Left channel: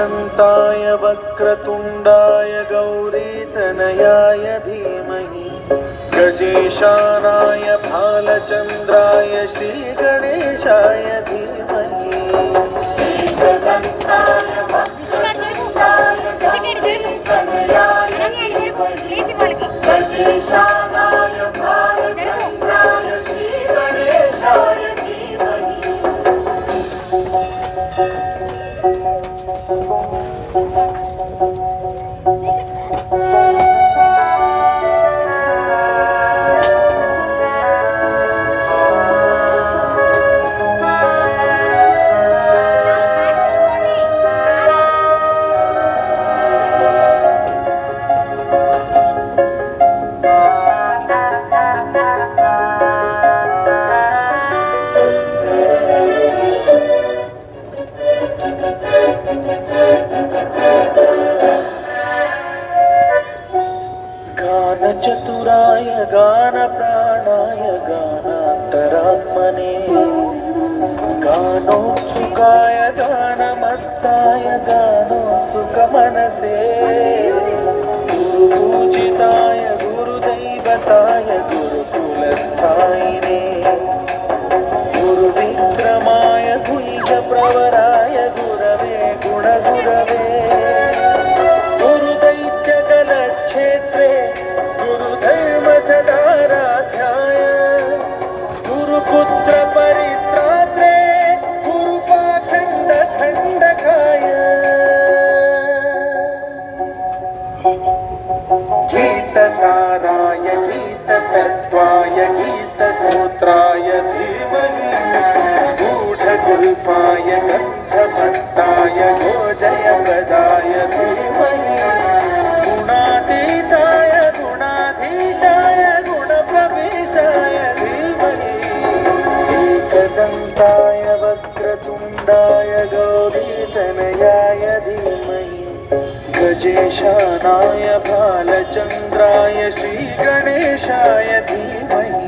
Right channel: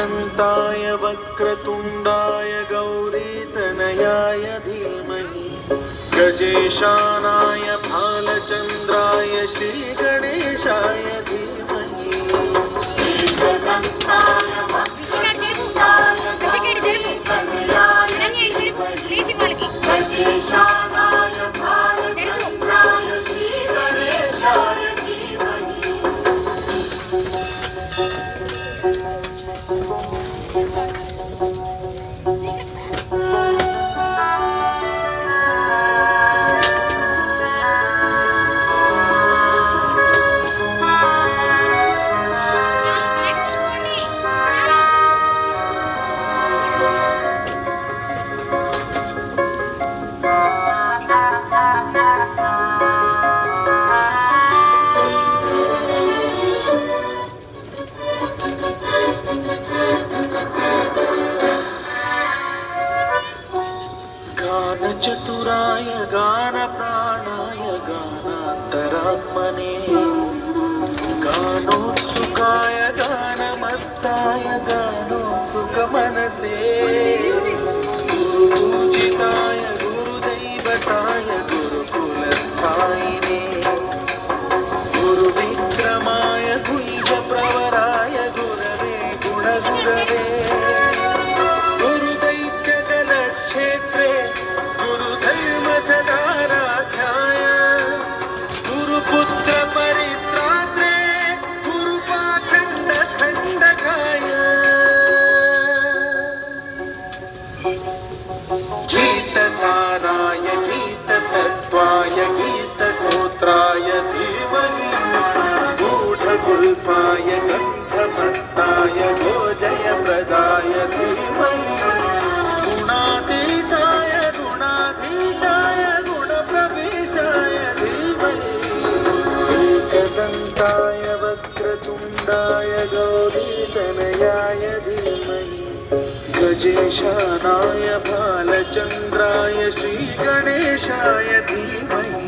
एकदन्ताय वक्रतुण्डाय गौरीतनयाय धीमहि गजेशानाय भालचन्द्राय श्रीगणेशाय धीमहि एकदन्ताय वक्रतुण्डाय गौरीतनयाय गजेशानाय भालचन्द्राय श्रीगणेशाय धीमहि चतुराय गानप्राणाय गानान्तरात्मने गानोत्सुकाय गानमत्ताय गानोत्सुकमनसे गुरुपूजिताय गुरुदैवताय गुरुकुलस्थायिने गुरुविक्रमाय द्विजप्रवराय गुरवे गुणगुरवे गुरुदैत्यगलक्षेत्रे गुरुधर्मसदाराध्याय गुरुपुत्र परित्रात्रे गुरुपाखण्डखण्डकाय गीतसाराय गीततत्त्वाय गीतगोत्राय धीमहि गूढगुल्फाय गन्धभट्टाय गोजयप्रदाय धीमहि गुणातीताय गुणाधीशाय गुणप्रविष्टाय धीमहि एकदन्ताय वक्रतुण्डाय गौरीतनयाय धीमहि गजेशानाय भालचन्द्राय श्रीगणेशाय धीमहि